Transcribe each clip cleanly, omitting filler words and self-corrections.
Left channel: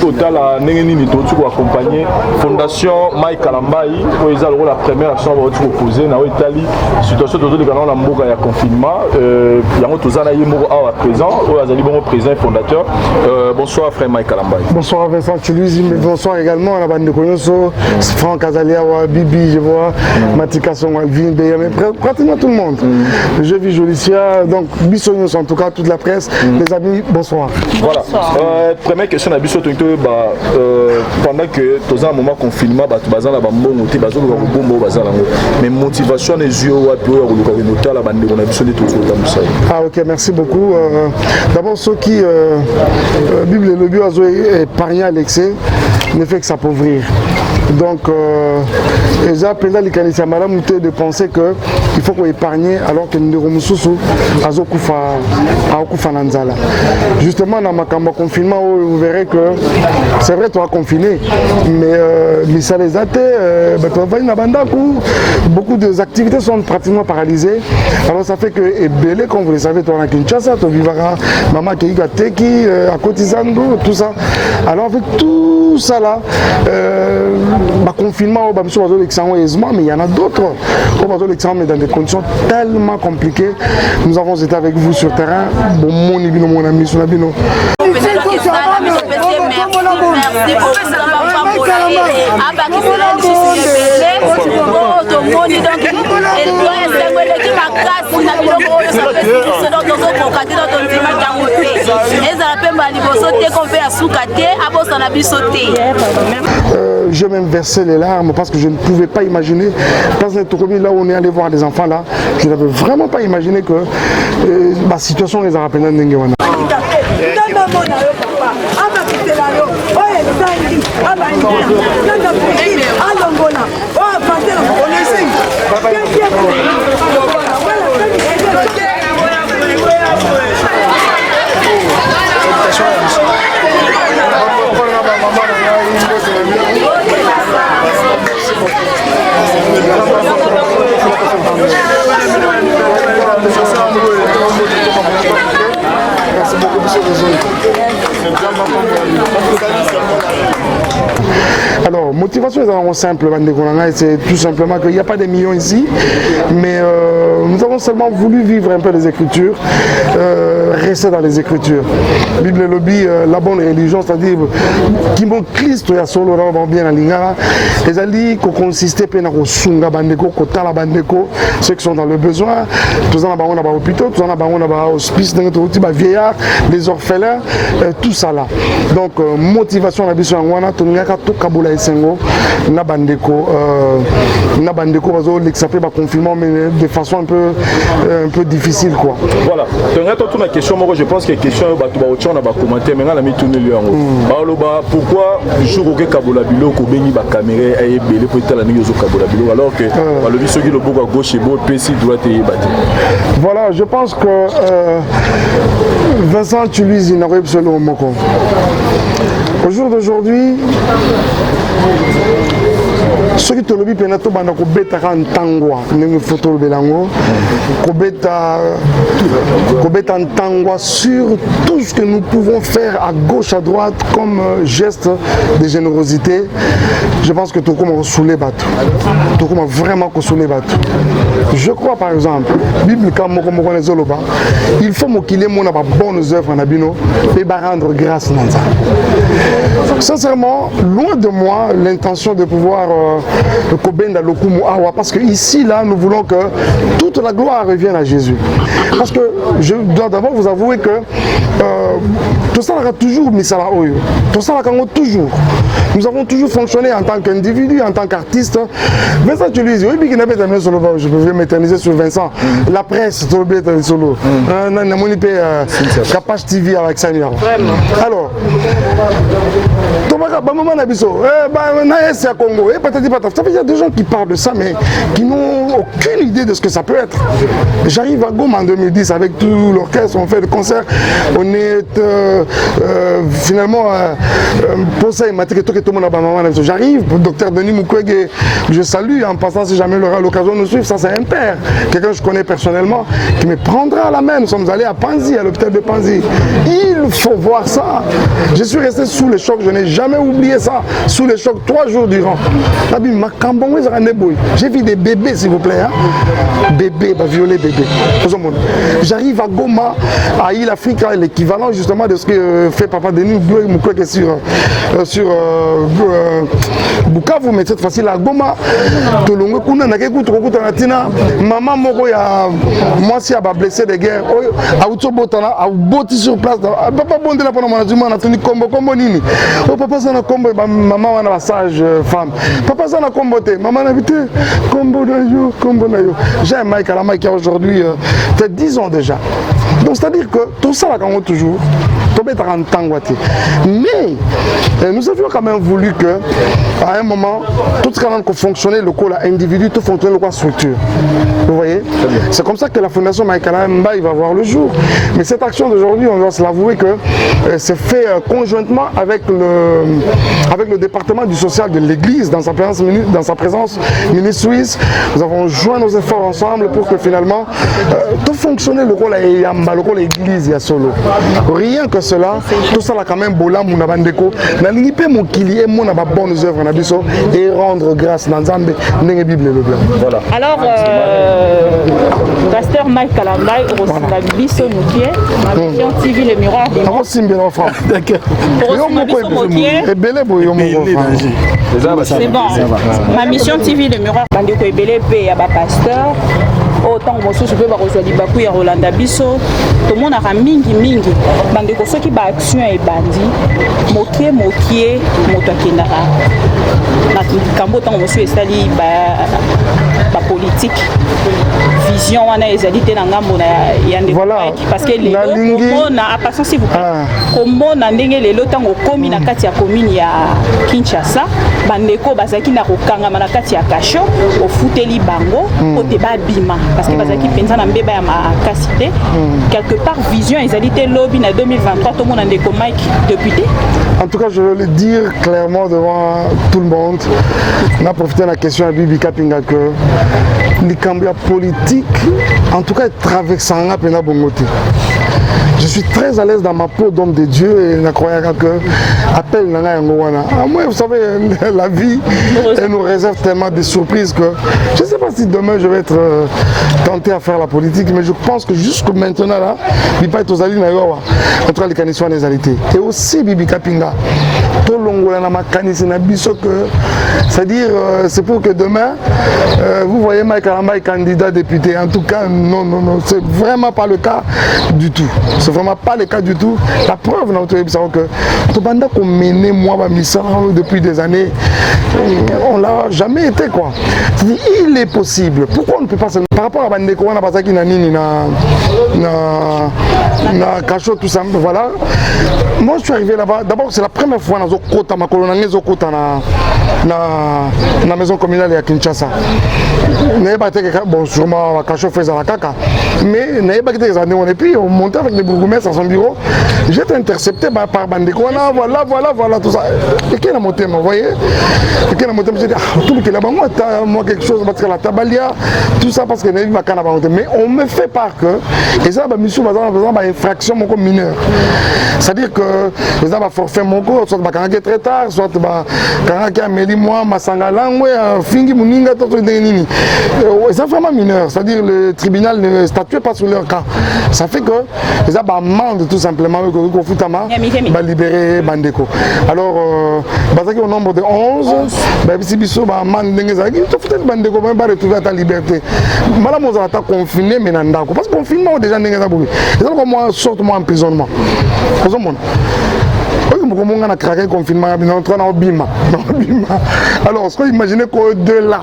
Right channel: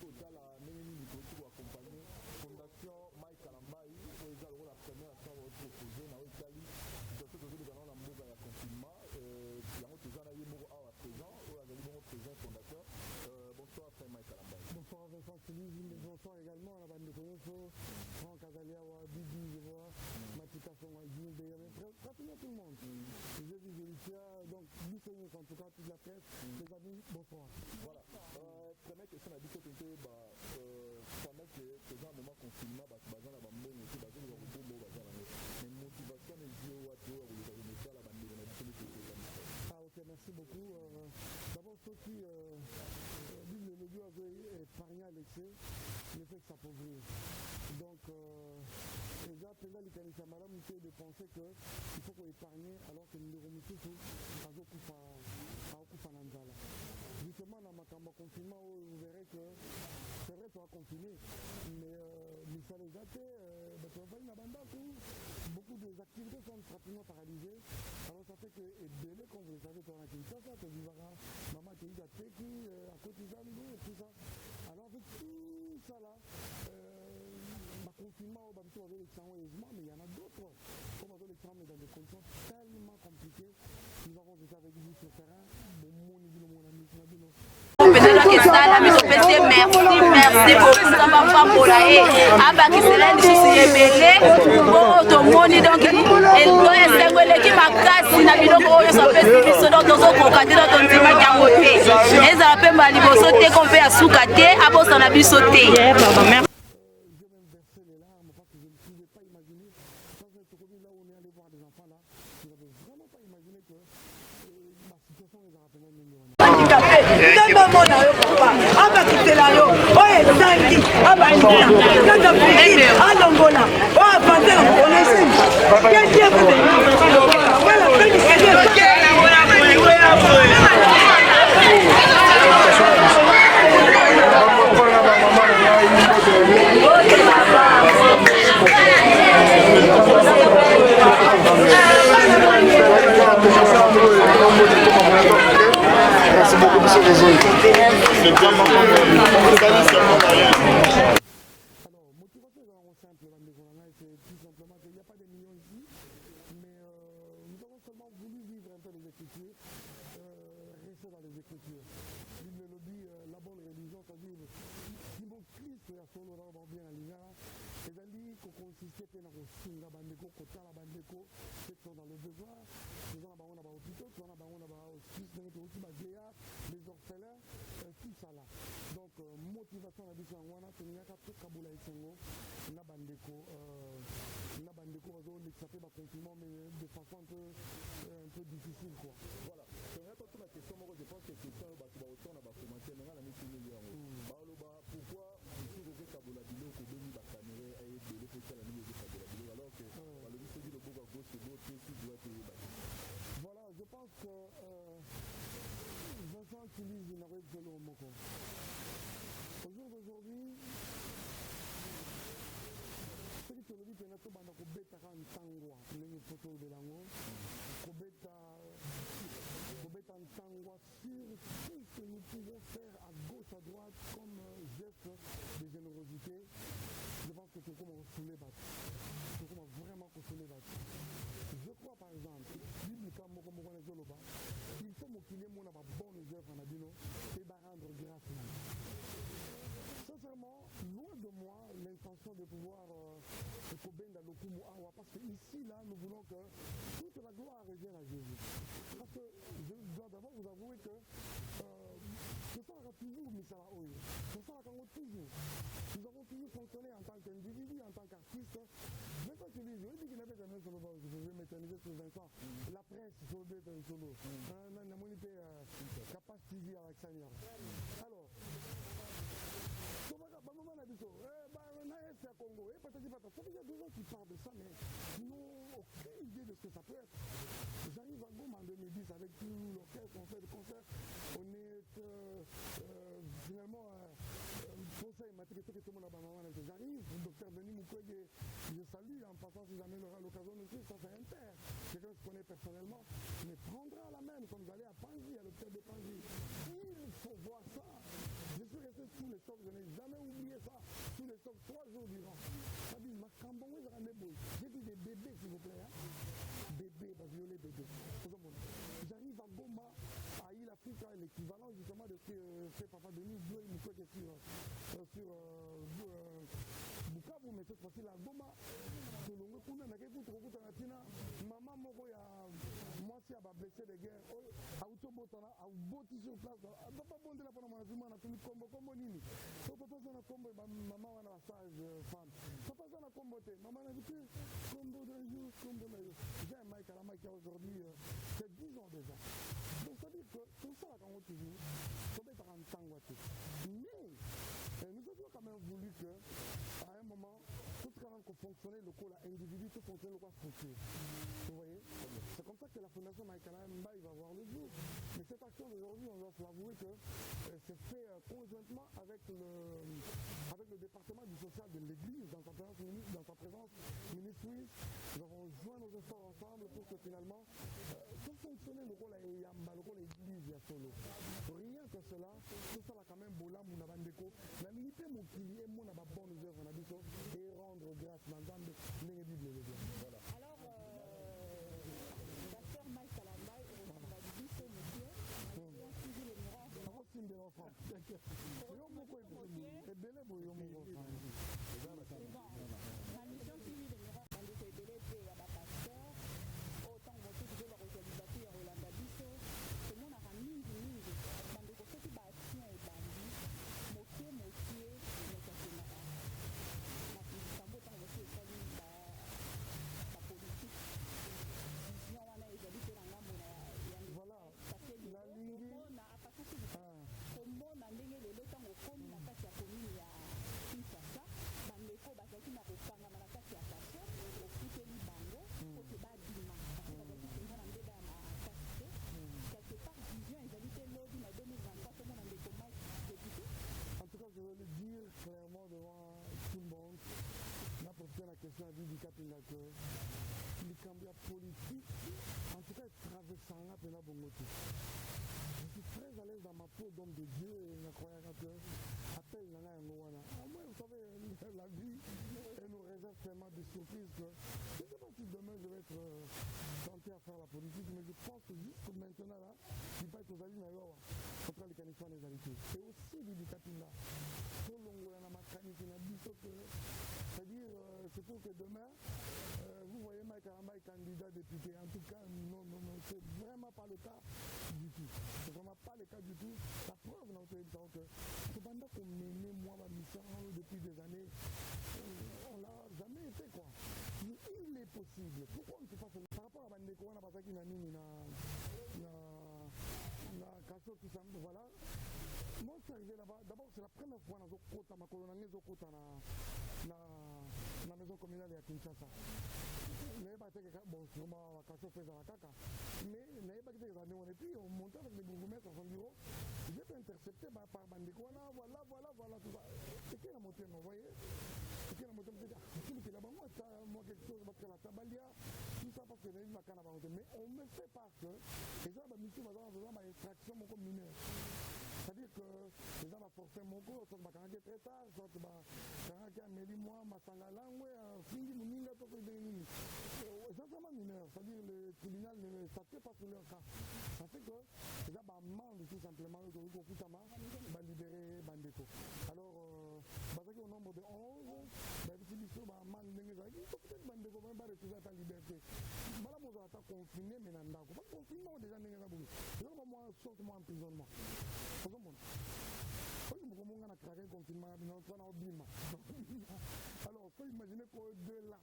Totala Nengenini Totu accompagné Fondation Mike Kalambai où ils ont la première action à proposer na Italie situation de dans la mboka ya confinement yango tozana yemo à présent ou azali bon président fondateur bonsoir frère Mike Kalambai. Bonsoir Vincent Tuluzi, bonsoir également à la bande de Koyoso, Franck Azalia, Bibi, je vois Matika Son Alvin, mais pratiquement tout le monde. Je vis Jolicia, donc Bissonios en tout cas toute la presse, les amis, bonsoir. Voilà. Première question à Bissot pendant que tu as un moment confinement, tu as un bon mais motivation les yeux la bande ah ok, merci beaucoup. D'abord ceux qui Bible le bio a épargné à l'excès ne fait que s'appauvrir. Donc, les appels de penser qu'il faut qu'on épargne alors que nous devons justement dans ma confinement, vous verrez que c'est vrai, tu as confiné, mais ça les a été. Beaucoup d'activités sont pratiquement paralysées. Alors, ça fait que, comme vous le savez, tu as Kinshasa, tu vivras Maman Keïga Teki, à Kotizando, tout ça. Alors, avec tout ça là, confinement, mais il y en a d'autres. Mais dans des conditions tellement compliquées. Nous avons été avec vous sur terrain. Mon ami, merci pour tout ça, papa pour la aba qui sera les soucis belé bon to moni donc elle doit être qui m'a cassé na biloko oyo ça fait ce dont on ko kadira ton tima kango te les appels mali bosote qu'on fait à soukate abosa na bisote. J'ai même versé les larmes parce que je ne pouvais pas imaginer, dans cette commune là où on est allé voir des enfants là, je n'avais vraiment pas imaginé que ma situation les a rappelé dans Nengewana. Merci beaucoup, monsieur le alors, motivation est simple, c'est tout simplement qu'il n'y a pas de millions ici, mais nous avons seulement voulu vivre un peu les Écritures, rester dans les Écritures. Bible et lobby, la bonne religion, c'est-à-dire qui m'ont Christ et solo bien à l'ingara, les alliés qui consistaient à sunga bandeko, kotala bandeko, ceux qui sont dans le besoin, tous en avons un hôpital, tous en avons un hospice, des vieillards, les orphelins, tout ça là. Donc, motivation à la vision en Wana, tout Kaboula et Sengo, Nabandeko, ça fait confinement, mais de façon un peu difficile quoi. Voilà. Donc, la question, moi je pense que la question, on va commenter, mais on a mis tout le monde. Pourquoi le jour où Kaboula Bilo, Kobeni, caméra est belé pour être la négoce Kaboula Bilo, alors que le vice qui le bouge à gauche et beau, PC droite et battu. Voilà, je pense que Vincent Tuluzi n'a pas absolument Moko. Au jour d'aujourd'hui, ceux qui te le disent, penato bana ko beta kan tangwa, nengi photo le belango, ko beta tangwa sur tout ce que nous pouvons faire à gauche à droite comme geste de générosité. Je pense que tout comme on soulève bateau, tout comme vraiment qu'on soulève bateau. Je crois par exemple, Bible quand on les oloba, il faut qu'il ait mon bonnes œuvres en abino et rendre grâce dans ça. Sincèrement, loin de moi l'intention de pouvoir parce que ici, là, nous voulons que toute la gloire revienne à Jésus. Parce que je dois d'abord vous avouer que tout ça a toujours mis ça là haut. Tout ça a toujours. Nous avons toujours fonctionné en tant qu'individu, en tant qu'artiste. Vincent Tuluzi, oui, je peux m'éterniser sur Vincent. La presse, c'est solo. Capage TV avec Seigneur. Alors, il y a des gens qui parlent de ça, mais qui n'ont aucune idée de ce que ça peut être. J'arrive à Goma en 2010 avec tout l'orchestre, on fait des concerts, on est finalement j'arrive, docteur Denis Mukwege, je salue en passant si jamais il aura l'occasion de nous suivre, ça c'est un père, quelqu'un que je connais personnellement, qui me prendra à la main. Nous sommes allés à Panzi, à l'hôpital de Panzi. Il faut voir ça. Je suis resté sous le choc, je n'ai jamais oublié ça. Sous le choc, 3 jours durant. J'ai vu des bébés, s'il vous plaît. Hein? Bébés, violer bébé. J'arrive à Goma, à Île Afrique, l'équivalent justement de ce que fait Papa Denis sur Bukavu, mais cette fois-ci, à Goma, maman moko ya moi si a blessé de guerre, a utobotana, a boti sur place. Papa bonde la pendant management, a tenu combo nini. Oh papa ça na combo, maman wana la sage femme. Papa ça na combo te, maman na vite combo na yo. J'ai un Mike à la Mike qui a aujourd'hui peut-être 10 ans déjà. Donc c'est-à-dire que tout ça là quand toujours mais nous avions quand même voulu que à un moment tout ce qui fonctionnait le corps individu, tout fonctionnait le corps structure. Vous voyez, c'est comme ça que la fondation Maïkala Mbaye va voir le jour. Mais cette action d'aujourd'hui, on doit se l'avouer que c'est fait conjointement avec le département du social de l'église dans sa présence ministre suisse. Nous avons joint nos efforts ensemble pour que finalement tout fonctionne le rôle de l'église à solo. Rien que cela, tout ça là quand même bola mon abandeko na lingipe mon kili et mon aba bonnes œuvres na biso et rendre grâce dans Nzambe ndenge Bible le blanc. Voilà. Alors pasteur Mike Kalambay la biso mukie ma mission TV le miroir du monde. Simbe l'enfant. D'accord. Et belé boyo mon enfant. C'est bon. Ma mission TV le miroir bandeko ebele pe ya ba pasteur. Autant que je peux rejoindre les Bakou et Rolanda Bisso, tout le monde a mingi. Bande ko soki ba action et bandi, mokie, moto kinara. Na kambo tant monsieur estali ba politique. Vision wana ezalité na ngambo na yande parce que les comment na passant s'il vous plaît. Comment na ndenge lelo tango komi na kati ya commune ya Kinshasa, bandeko bazaki na kokanga na kati ya kasho, ofuteli bango, ote ba bima. Parce que bazaki penza na mbeba ya makasité quelque part vision ezalité lobby na 2023 tout le monde ndeko Mike député. En tout cas, je veux le dire clairement devant tout le monde. On a profité de la question à Bibi Kapinga que les cambia politiques, en tout cas, traversant à Pena Bongote. Je suis très à l'aise dans ma peau d'homme de Dieu et je crois que appel Nana Yangowana. Moi, vous savez, la vie, elle nous réserve tellement de surprises que je ne sais pas si demain je vais être tenté à faire la politique, mais je pense que jusque maintenant, là, il ne pas être aux alliés, en tout cas, les canissons des alités. Et aussi, Bibi Kapinga, tout le monde a c'est-à-dire, c'est pour que demain, vous voyez Mike Kalambay candidat député. En tout cas, non, c'est vraiment pas le cas du tout. C'est vraiment pas le cas du tout. La preuve, que tout banda qu'on menait moi ma mission depuis des années, on l'a jamais été quoi. Il est possible. Pourquoi on ne peut pas se... Par rapport à Bandeko, on a pas ça qui n'a ni na cachot tout ça. Voilà. Moi, je suis arrivé là-bas. D'abord, c'est la première fois dans Zokota, ma colonne Zokota na maison communale à Kinshasa. Bon, sûrement la cachot faisait la caca. Mais n'avait pas quitté les années. Et puis, on montait avec les bourgmestres à son bureau. J'étais intercepté par Bandeko. Voilà, tout ça. Et qui a monté, vous voyez? Et qui a monté, je dis, tout le qui est là-bas, moi, quelque chose, parce que la tabalia, tout ça, parce que n'a pas qu'à monter. Mais on me fait part que, et ça, monsieur, par exemple, infraction mineure. C'est-à-dire que, par exemple, forfait mon corps, soit quand il très tard, soit quand il a mêlé moi, ma sangalang, fingi muninga, tout nini. C'est vraiment mineur. C'est-à-dire le tribunal ne statue pas sur leur cas. Ça fait que les amende tout simplement que Foutama va libérer Bandeko. Alors, au nombre de 11, si Bissot va amende Bandeko va retrouver à ta liberté. Madame, on va confiné, mais parce que confinement déjà n'est pas beaucoup. C'est moi sorte moi emprisonnement. Comment on a craqué le confinement, on est en train de bima. Alors, ce qu'on imagine qu'au-delà,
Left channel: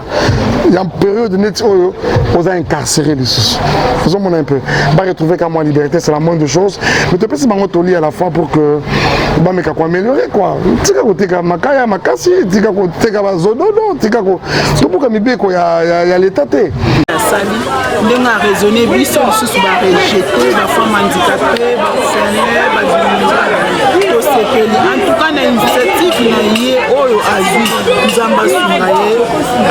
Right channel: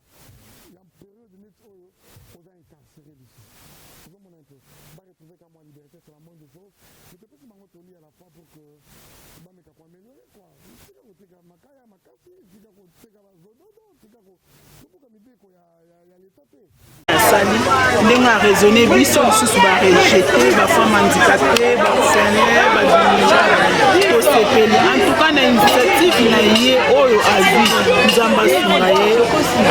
il y a une période de net où on a incarcéré les sous. Faisons un peu. On va retrouver qu'à moi liberté, c'est la moindre des choses. Mais tu peux se mettre à la fois pour que on va améliorer quoi. Tu sais que tu as makaya makasi, tu as zododo, tu as tout pour que il y a l'état. asali ndenge a raisonné biso lisusu barejeté bafemme handicapé baorphelin babinga tosepeli en tout cas na initiative na ye oyo azwi nzambe asunga ye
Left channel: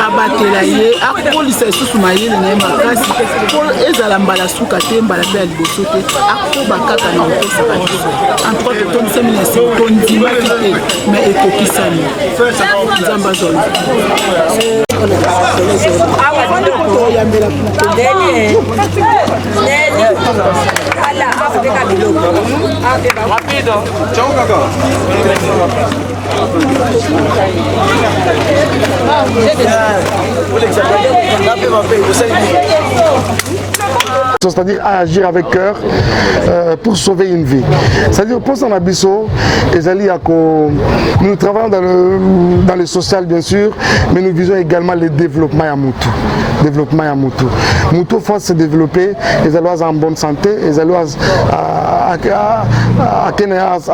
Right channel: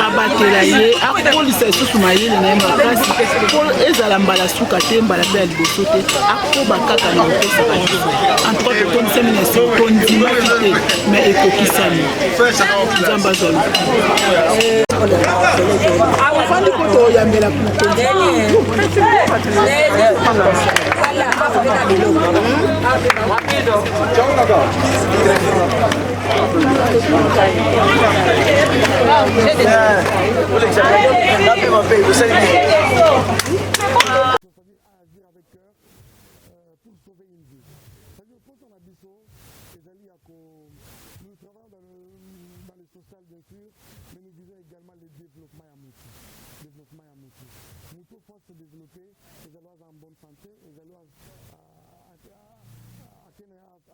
abatela ye akolisa lisusu mayele na ye makasi mpo ezala mbala suka te mbala mpe ya liboso te akoba kaka na kopesaka biso en tout cas totondisami na se tondimaki te mais ekokisami nzambe azwa c'est-à-dire à agir avec cœur pour sauver une vie. C'est-à-dire pour son abisso, nous travaillons dans le social bien sûr, mais nous visons également le développement à Moutou. Développement à Moutou. Moutou faut se développer, les allois en bonne santé, les allois à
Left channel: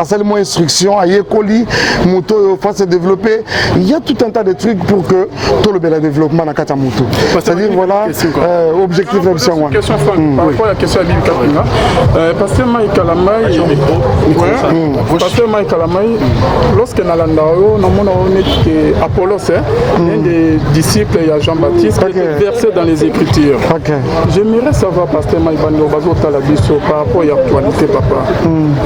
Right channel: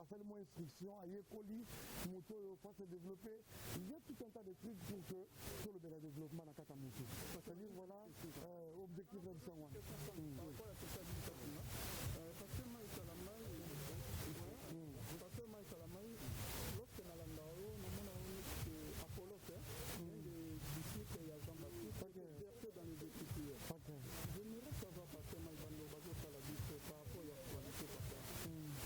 seulement instruction, à Yekoli, Moutou faut se développer. Il y a tout un tas de trucs pour que tout le développement dans Kata Moutou. C'est-à-dire voilà, objectif d'option. Par rapport à la question à Bibi Kapinga, Pasteur Mike Kalamai, Pasteur Mike Kalamai, lorsque Nalandao, nous avons Apollos, un des disciples de Jean-Baptiste, qui était versé dans les Écritures. J'aimerais savoir, Pasteur Mike Bandobazo Talabiso, par rapport à l'actualité, papa.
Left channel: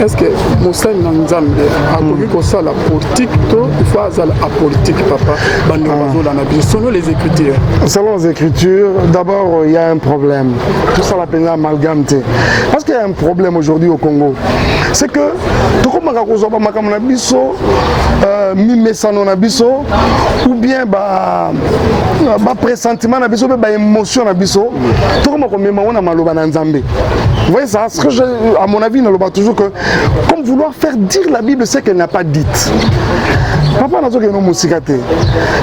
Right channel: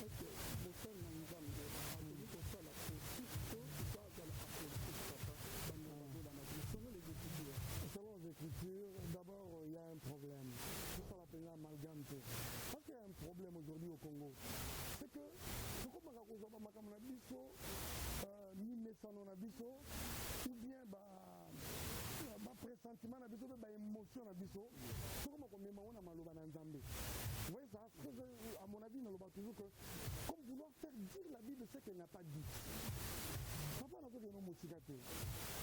Est-ce que Moussa Nanzambe a connu que ça la politique, il faut la politique, papa, Bandobazo Lanabiso, selon les Écritures? Selon les Écritures, d'abord, il y a un problème. Tout ça la peine amalgame. Parce qu'il y a un problème aujourd'hui au Congo. C'est que tout comme ou bien pressentiment émotion tout comme vous voyez ça, à mon avis, toujours que comme vouloir faire dire la Bible ce qu'elle n'a pas dite. Papa n'a pas musikate.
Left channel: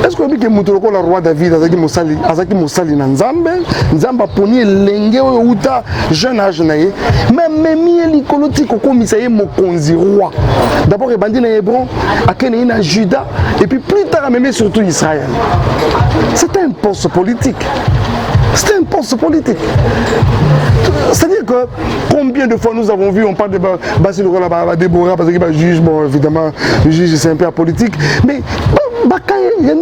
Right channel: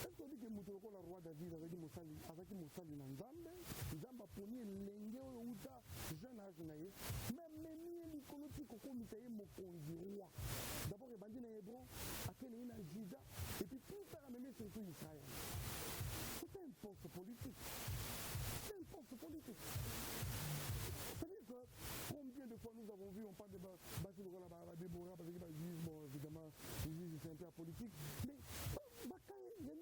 Est-ce que le roi David azaki musali na Nzambe, Nzamba poni lenge uta jeune âge na ye, mais memi likoloti kokomisa ye mokonzi roi. D'abord ebandi na Hébron, akene na Juda et puis plus tard même surtout Israël. C'est un poste politique. C'est un poste politique. C'est-à-dire que combien de fois nous avons vu, on parle de Déborah, parce qu'il juge, bon évidemment, le juge c'est un peu apolitique, mais il y a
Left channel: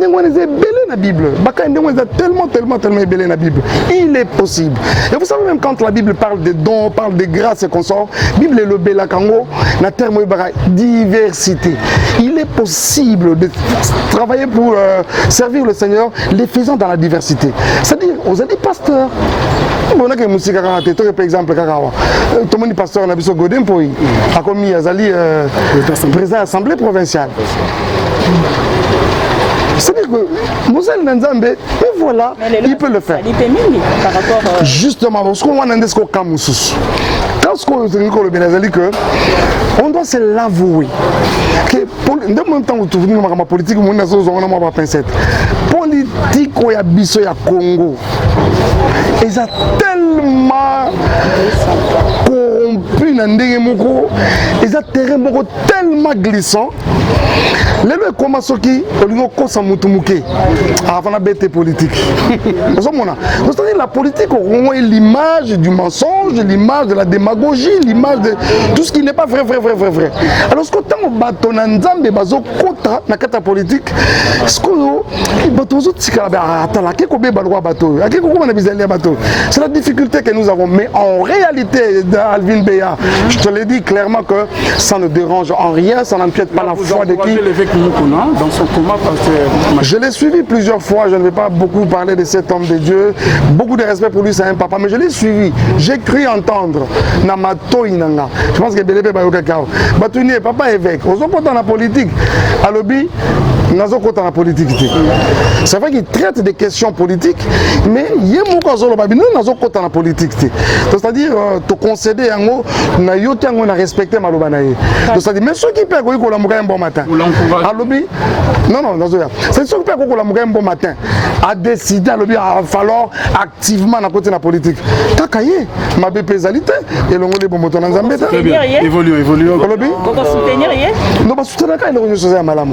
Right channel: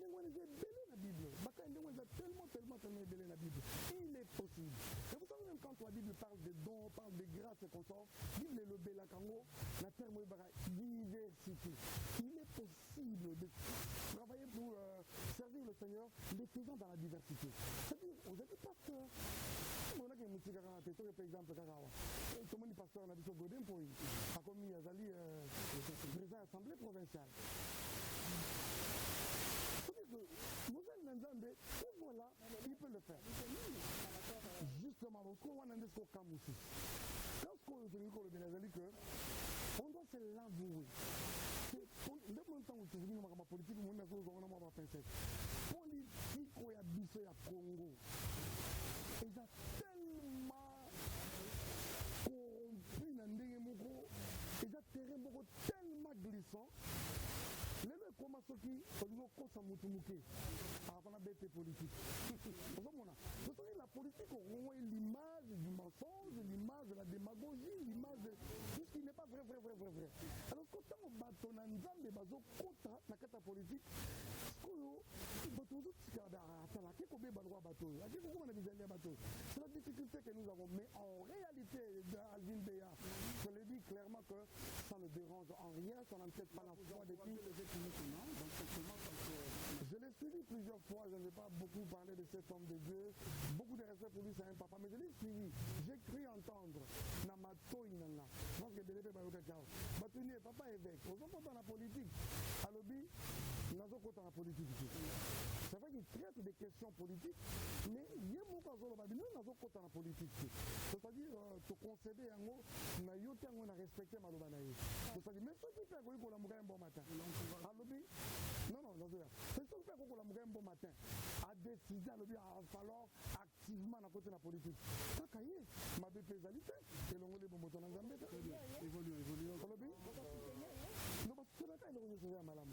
la Bible. Tellement ébélé la Bible. Il est possible. Et vous savez, même quand la Bible parle des dons, parle des grâces et consorts, la Bible est le Bélakango, la terme diversité. Il est possible de travailler pour servir le Seigneur, les faisant dans la diversité. C'est-à-dire, vous êtes pasteurs. On a par exemple, tout le monde est pasteur, on a vu ce Godin pour lui. A commis Azali, président de l'Assemblée provinciale. C'est-à-dire que Moussel Nzambe, et voilà, il peut le faire. Justement, parce qu'on a un discours comme Moussous. Quand on doit se l'avouer. De même temps où tu vois ma politique, on a ma pincette. Politique au Yabiso ya Congo. Ils ont tellement corrompu ils ont tellement glissant. Les gens commencent à avant la bête politique. C'est-à-dire la politique est l'image du mensonge, l'image de la démagogie, l'image de tout ce qui n'est pas vrai. Alors ce que tant au bâton Nzambe bazo kota na kata politique, ce que c'est la difficulté que nous avons. Mais en réalité, Alvin Béa, je te l'ai dit clairement que ça ne dérange en rien, ça n'empiète pas la foi de qui. Dans son coma, je l'ai suivi plusieurs fois, je ne vais pas beaucoup parler de cet homme de Dieu. Beaucoup de respect pour lui, c'est un papa, mais je l'ai suivi. J'ai cru entendre Namato Inanga. Je pense que Bélébé Bayokakao. Batouni, papa évêque. Aux autres dans la politique, à l'objet, dans la politique. C'est vrai qu'il traite des questions politiques, mais il y a beaucoup dans la politique. C'est-à-dire, te concéder en haut, na respecté Malobanaye. C'est-à-dire, mais ceux qui perdent un bon matin. Non, c'est ceux qui perdent un bon matin. a décidé il va falloir activement à côté de la politique. Kakaye, ma bépésalité et le monde est bon moto dans Zambie. Très bien. Évolue. Pourquoi soutenir hier? Non, pas soutenir quand il est revenu à Malam.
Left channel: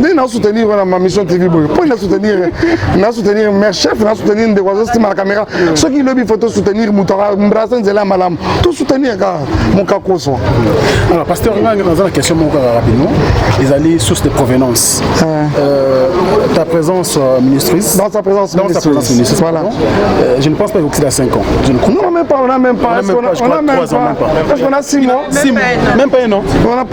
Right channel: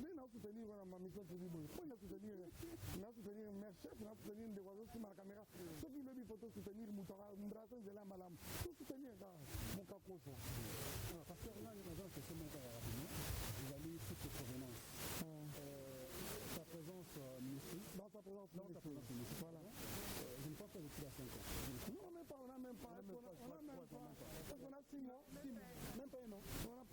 Nous soutenir ma mission TV. Pour nous soutenir mes chefs, nous soutenir des oiseaux qui la caméra. Ceux qui le faut soutenir Moutara, Mbrasen Zela Malam. Tout soutenir mon cacoso. Alors, pasteur, on a une question rapidement. Ils allaient source de provenance. Ta présence ministrice. Dans sa présence ministrice. Voilà. Je ne pense pas que c'est à 5 ans. Non, même pas. On n'a même pas. Parce qu'on a 6 mois. 6 mois. Même pas un an. On n'a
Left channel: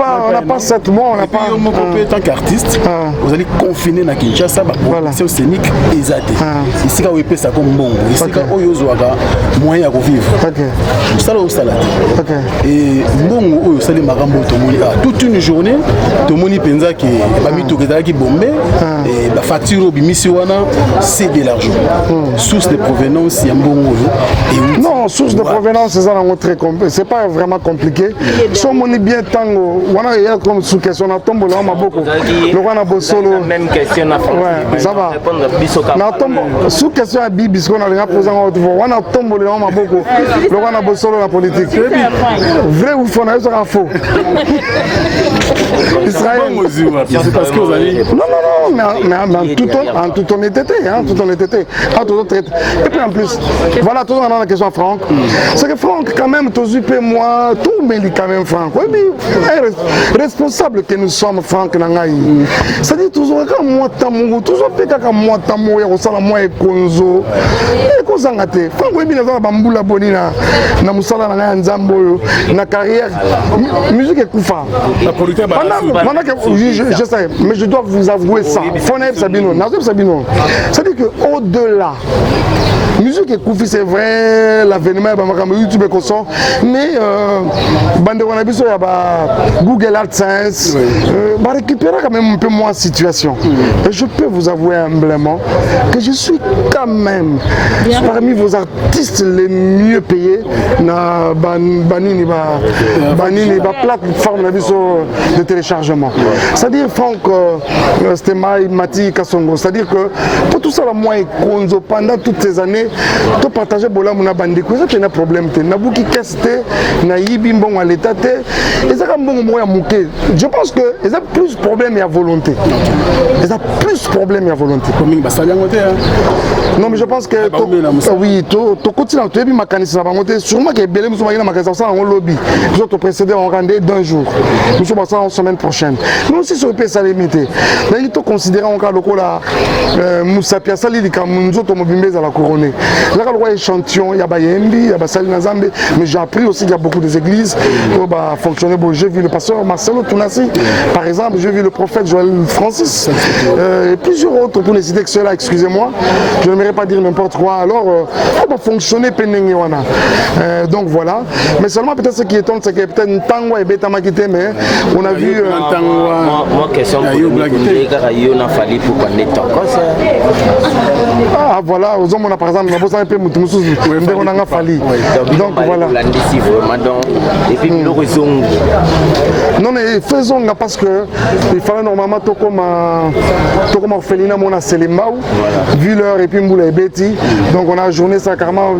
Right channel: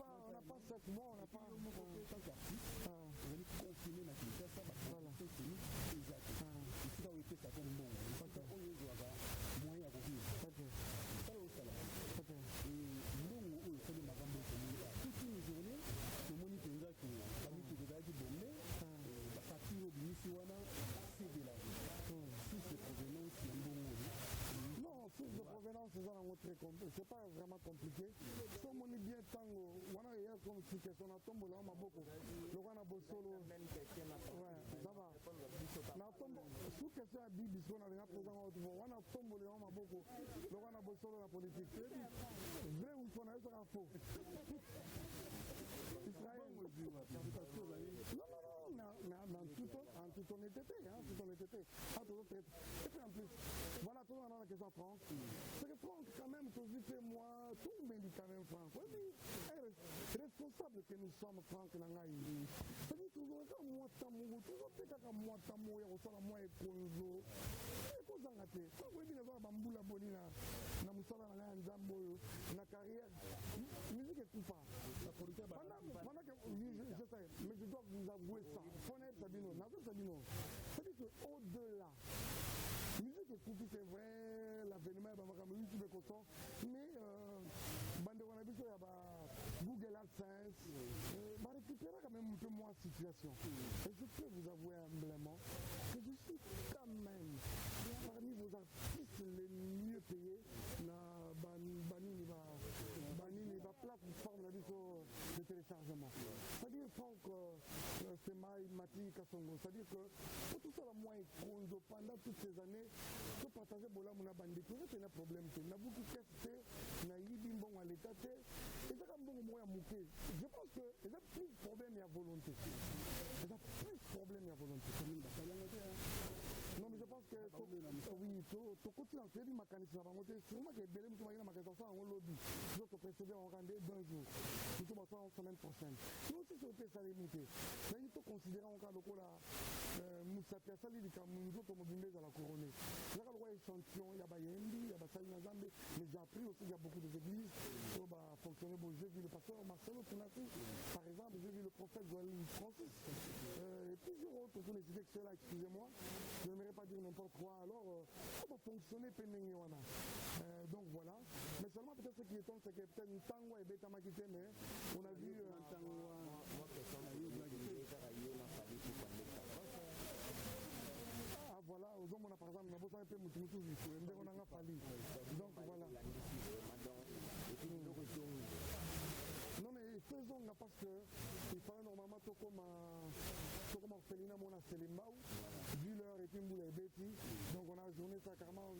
pas 7 mois. On n'a pas. En tant qu'artiste, vous allez confiner à Kinshasa. C'est au scénique et Zate. Ici, quand vous épée ça comme bon. Ici, quand vous avez moyen de vivre. Ça, là, au salade. Et bon, vous allez marambo toute une journée. Tout le monde pense que les bombé et la facture au Bimisiwana, c'est de l'argent. Source de provenance, il y a un bon. Non, source de provenance, c'est ça, très compliqué. C'est pas vraiment compliqué. Si on est bien tango, on a comme sous question, on a tombé là, on a beaucoup. On a beau solo. Même question à ouais, ça va. Sous question à Bibi, parce qu'on a posé en haute voix, on a tombé là, on a beaucoup. On a beau solo la politique. Vrai ou faux, on a faux. Israël. C'est parce que vous allez. Non, mais en toute honnêteté. Et puis en plus, voilà, toujours dans la question à Franck. C'est que Franck, quand même, moi, tout me dit quand même Franck. Oui, mais responsable que nous sommes, Franck Nangaï. C'est-à-dire toujours quand moi, toujours quand moi, il y a moi et Konzo. Et Kozangate. Franck, oui, bien, Bamboula Bonina, Namusala Nangaï Nzambo, na carrière. Musique est Koufa. Pendant que je sais, mais je dois vous avouer ça. C'est-à-dire qu'au-delà, musique et Koufi, c'est vrai, l'avènement, YouTube et consort, mais il y a Google AdSense, va récupérer quand même un peu moins la situation. Et je peux vous avouer humblement que je suis quand même parmi vos artistes les mieux payés dans la plateforme de téléchargement. C'est-à-dire, Franck, c'était Mati Kassongo. C'est-à-dire que pour tout ça, moi et Konzo, pendant toutes ces années, tout partager bola mona bandi ko ça c'est un problème te nabuki kesté na yibi mbongo à l'état te et ça comme mbongo moya muke je pense que ils ont plus problème et à volonté ils ont plus problème et à volonté non mais je pense que oui to continue to bi makanisi na bangote sûrement que belé muso makina makanisa ça en lobby nous autres précédé on rendait d'un jour nous sommes ça en semaine prochaine mais aussi sur peut ça limité mais il faut considérer encore le la Moussa Pia Sali di Kamunzo to mobimbe za la couronne. Là quand on voit échantillon, il y a Bayembi, il y a Sali Nazambe, mais j'ai appris aussi qu'il y a beaucoup des églises qui fonctionner. Bon, j'ai vu le pasteur Marcelo Tounassi, par exemple, j'ai vu le prophète Joël Francis, et plusieurs autres pour les citer que ceux-là, excusez-moi, je n'aimerais pas dire n'importe quoi. Alors, on va fonctionner Penengiwana. Donc voilà. Mais seulement peut-être ce qui étonne, c'est que peut-être Tango et Beta Makite, mais on a vu. Moi, question pour on a fallu pour qu'on ait encore ça. Ah voilà, aux hommes on a par exemple, on a besoin un peu de on a fallu. Donc voilà. Et puis nous raison. Non mais faisons parce que il fallait normalement tout comme orphelinat mon a Selimao, vu l'heure et puis Mboula et Betty. Donc on a journée ça carrément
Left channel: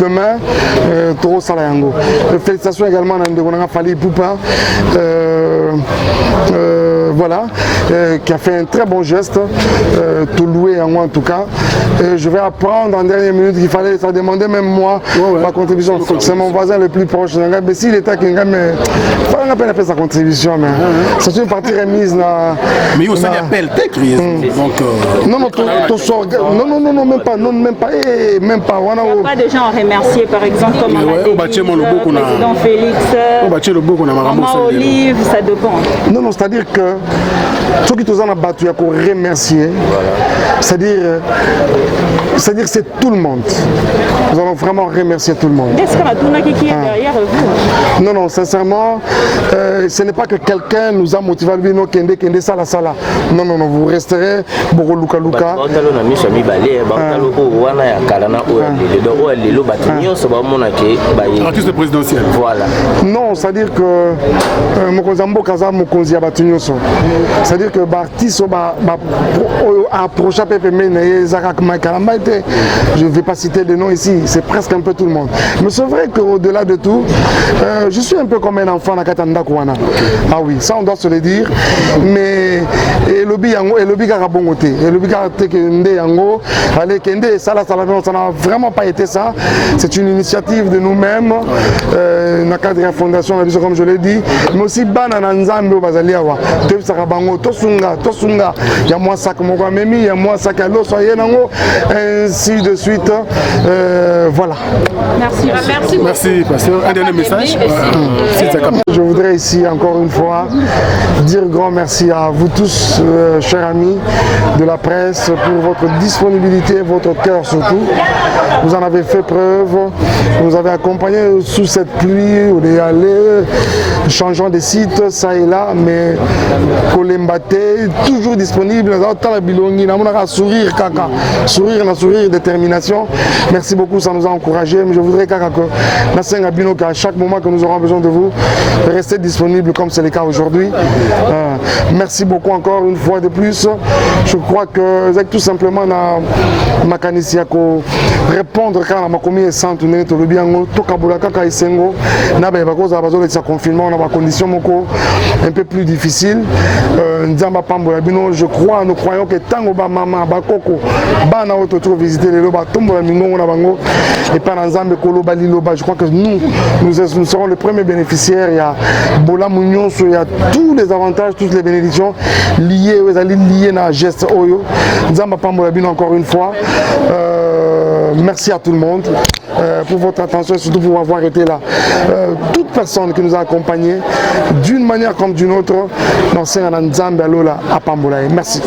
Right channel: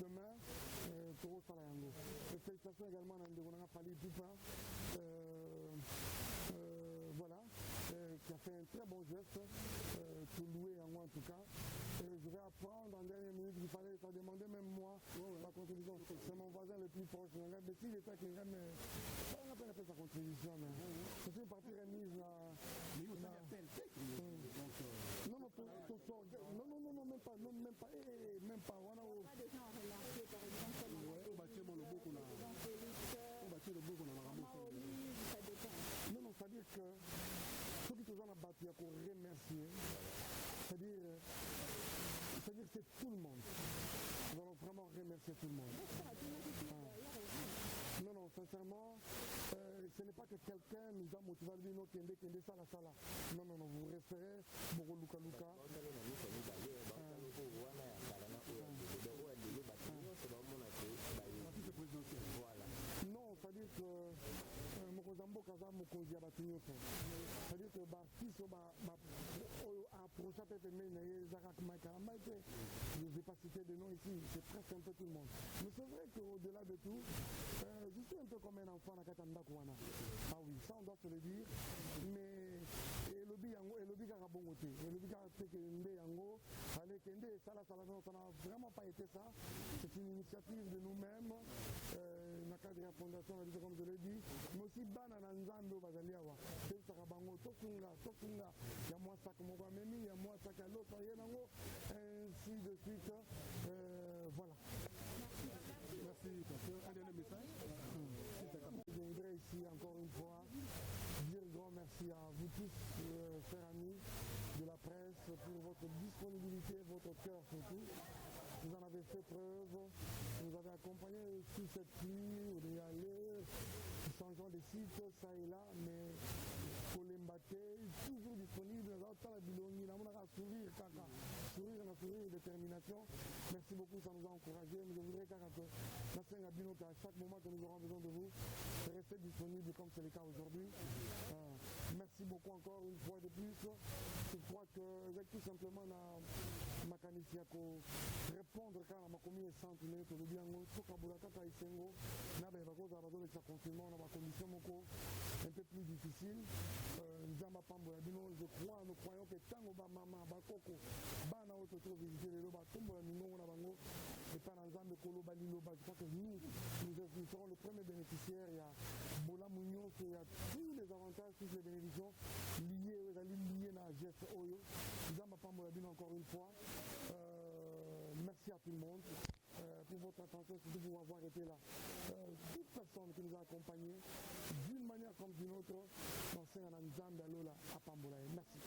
demain Toro Salayango. Félicitations également on a fallu Poupa. Voilà, qui a fait un très bon geste, tout loué en moi en tout cas. Et je vais apprendre en dernière minute qu'il fallait, ça demandait même moi ma contribution. C'est mon voisin le plus proche. Mais s'il était qu'il a fait sa contribution, mais c'est une partie remise. Mais il y a aussi un appel non, même pas. On n'a pas des gens à remercier, par exemple, comme le président Félix, Maman Olive, ça dépend. Non, c'est-à-dire que ceux qui ont battu, il y a qu'on remercier. C'est-à-dire c'est tout le monde. Nous allons vraiment remercier tout le monde. Est-ce qu'on a tout le qui est derrière vous? Non, sincèrement, ce n'est pas que quelqu'un nous a motivé à dire non, Kende, Sala. Non, vous resterez beaucoup Luka. Artiste présidentiel. Voilà. Non, c'est-à-dire que Mokozambo Kaza Mokonzi a battu. C'est-à-dire c'est-à-dire que l'artiste approché je ne vais pas citer les noms ici, c'est presque un peu tout le monde. Mais c'est vrai qu'au-delà de tout, je suis un peu comme un enfant dans Katanda Kouana. Ah oui, ça on doit se le dire. Mais et le Karabongoté, et le Kende Yango, allez Kende, ça n'a vraiment pas été ça. C'est une initiative de nous-mêmes, dans le cadre de la fondation, comme je l'ai dit, mais aussi Banana Nzambe Bazaliawa, Tebsarabango, Tosunga, il y a moi ça que mon Memi, il y a moi ça que l'eau soit ainsi de suite. Voilà. Merci, pasteur. Un dernier message. Je voudrais ici encore une fois dire grand merci à vous tous, chers amis de la presse, pour votre disponibilité, votre cœur surtout. Vous en avez fait preuve, vous nous avez accompagnés sous cette pluie, on est allé, changeant des sites, ça et là, mais Kolembate, toujours disponible, sourire, kaka, sourire, détermination. Merci beaucoup, ça nous a encouragés, mais je voudrais qu'à chaque moment que nous aurons besoin de vous, restez disponible comme c'est le cas aujourd'hui. Merci beaucoup encore une fois de plus. Je crois que tout simplement ma canisiako répondre quand ma commis est sans tourner tout le bien tout kabula kaka isengo na ba cause à besoin de sa confinement dans ma condition moko un peu plus difficile nzamba pambola bino je crois nous croyons que tango ba mama ba koko bana auto visiter les loba tombola mingo na bango et pas nzambe koloba liloba je crois que nous serons les premiers bénéficiaires il y a bola munyon il y a tous les avantages toutes les bénédictions liées à na geste oyo nzamba pambola bino encore une fois. Merci à tout le monde pour votre attention et surtout pour avoir été là. Toute personne qui nous a accompagnés d'une manière comme d'une autre dans Nzambe Alola à Pambola. Merci.